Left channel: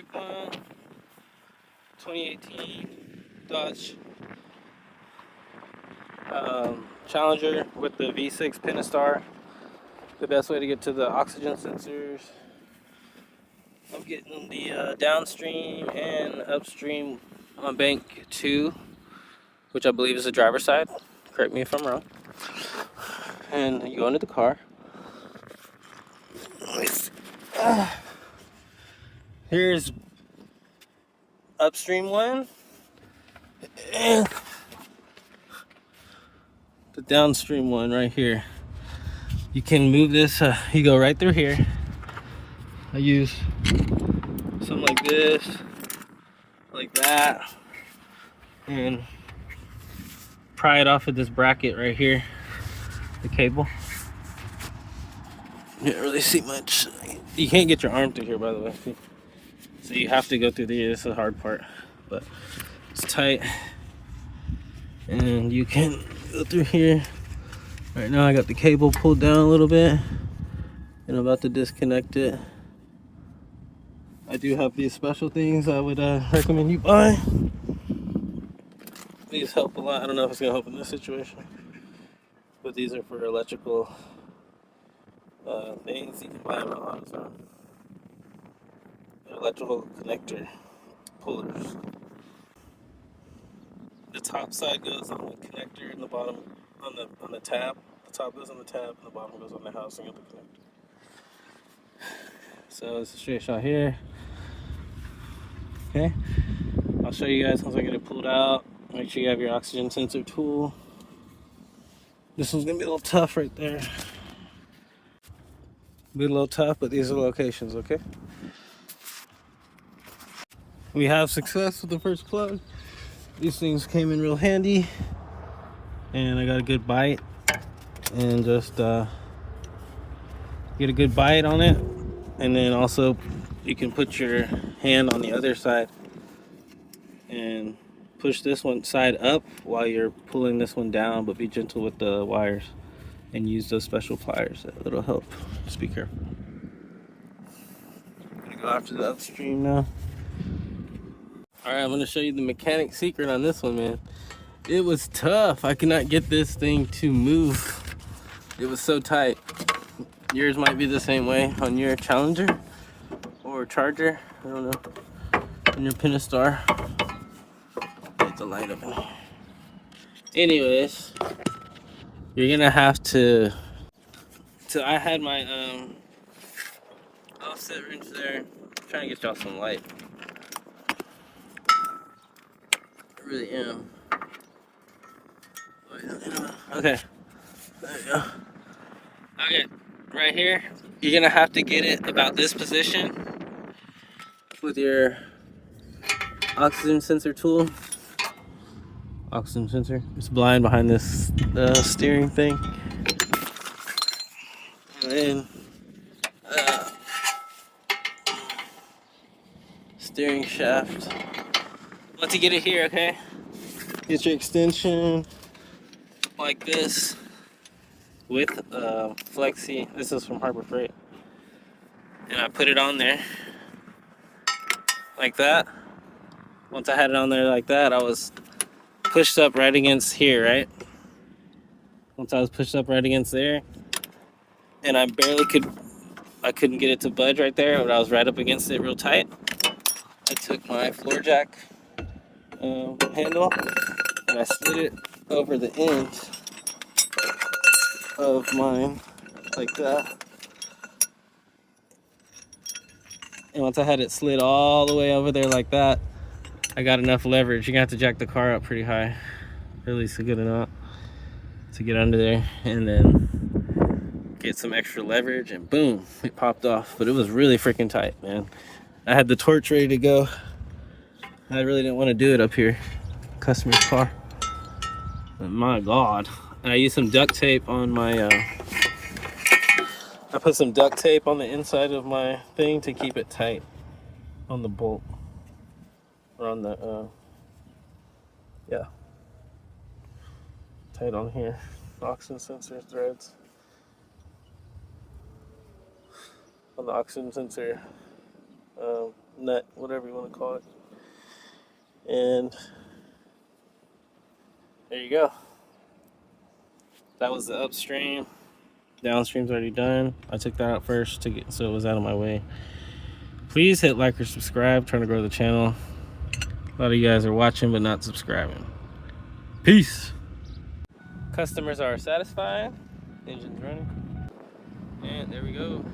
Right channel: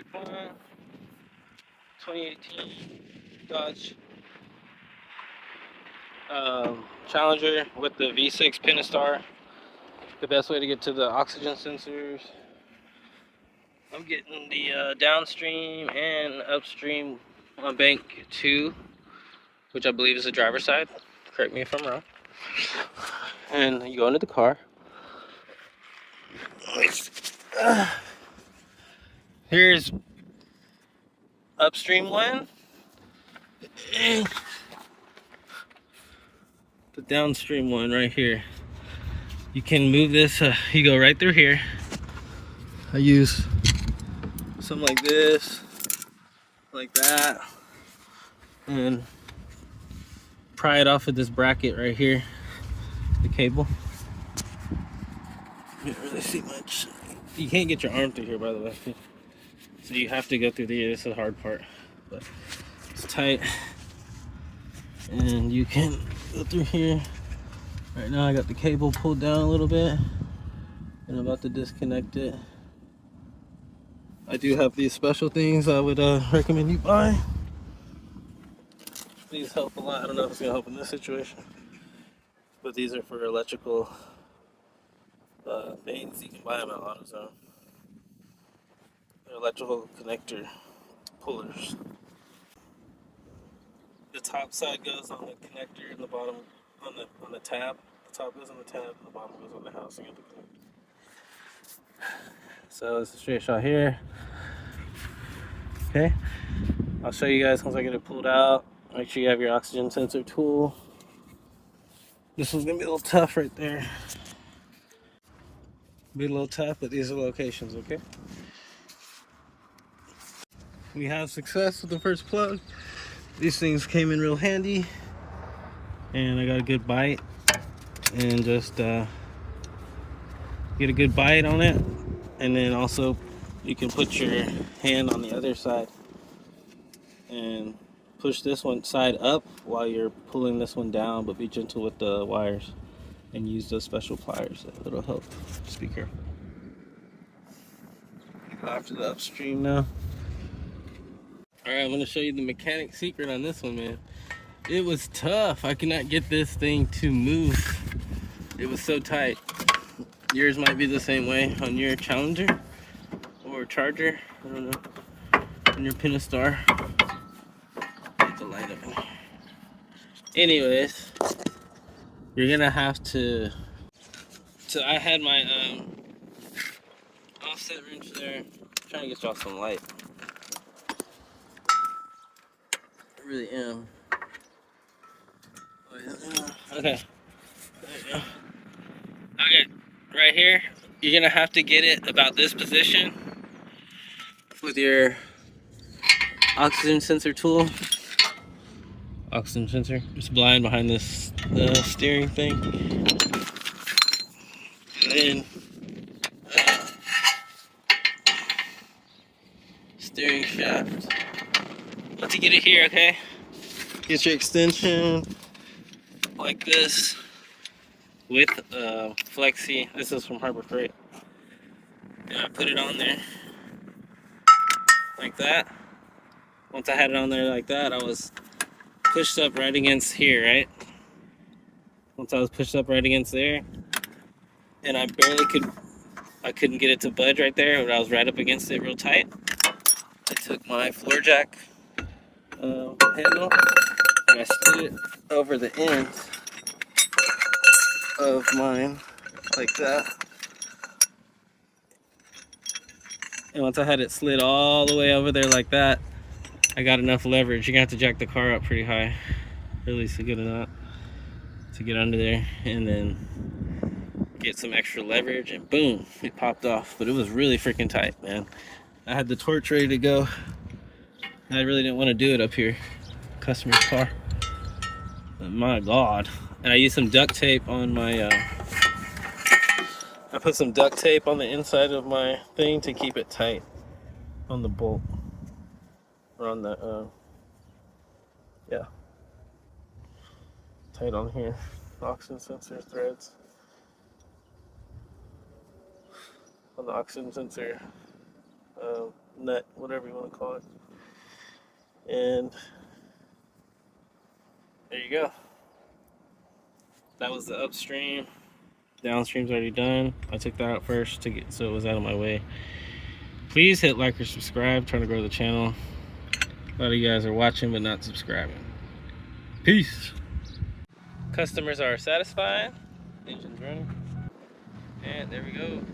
quick one. 2018 Dodge Challenger with the V6 Pentastar. The best way to get to the oxygen sensors. I'm getting the downstream and upstream on bank 2, which I believe is the driver's side. Correct me if I'm wrong. And you go into the car. Here's upstream one. And the downstream one right here. You can move this, you go right through here. I use something like this, like that, and pry it off of this bracket right here, the cable. You can't really see much. You can't get your arm through here, by the way. So you have to go through there. This is the hard part, but it's tight. And you can go through here. Right now I got the cable pulled down a little bit, and I'm about to disconnect it. I do have these special things I would recommend you buy. These help a lot. I don't know if it's gonna help in this situation, but these are for electrical things. You can buy them at AutoZone. They're electrical connector pullers. The top side goes on the connector, and the bottom on the tab. The top goes on the tab, and the bottom goes on the housing of the connector. So it's a straight shot here. Okay, I'll show you guys once I get it pulled out. Make sure you have your oxygen sensor tool. This one's gonna be a little tough right there. Be a little tough, but these are the locations, okay? We have success with the first plug. These things came in real handy, and I got a good bite, and just get a good bite on it, and then also you can put your hand on the other side and push this one side up while you're pulling this one down, but be gentle with the wires and use those special pliers. That'll help. Just be careful. I'm gonna go after the upstream now. Alright, I'm gonna show you the mechanic secret on this one, man. It was tough. I could not get this thing to move. It was so tight. Yours might be the same way on your Challenger or Charger. I don't know. On your Pentastar. Get the light up. Anyways, you're gonna have to. So I had my offset wrench there. I'm trying to get y'all some light. I really am. Okay. There you go. Okay, right here, you're gonna have to get it about this position with your oxygen sensor tool. Oxygen sensor. It's blind behind this steering thing. And then steering shaft. Once you get it here, okay? Get your extension like this with Flexi. This is from Harbor Freight. And I put it on there like that. Once I had it on there like that, I was pushed up right against here, right? Once I was pushed up right against there, and I couldn't get it to budge right there, but I was right up against it real tight. I took my floor jack handle and I slid it over the end of mine like that. And once I had it slid all the way over there like that, I got enough leverage. You're gonna have to jack the car up pretty high, really, to get it out, to get under there, and then get some extra leverage, and boom, it popped off. But it was really freaking tight, man. I had the torch ready to go. I really didn't want to do it up here, customer's car. But my God. And I used some duct tape on my, I put some duct tape on the inside of my thing to keep it tight on the bolt. Or on the, yeah. Tight on here. Oxygen sensor threads. On the oxygen sensor nut, whatever you want to call it. And there you go. That was the upstream. Downstream's already done. I took that out first to get so it was out of my way. Please hit like or subscribe. I'm trying to grow the channel. A lot of you guys are watching but not subscribing. Peace. Customers are satisfied. Engine's running. And there we go.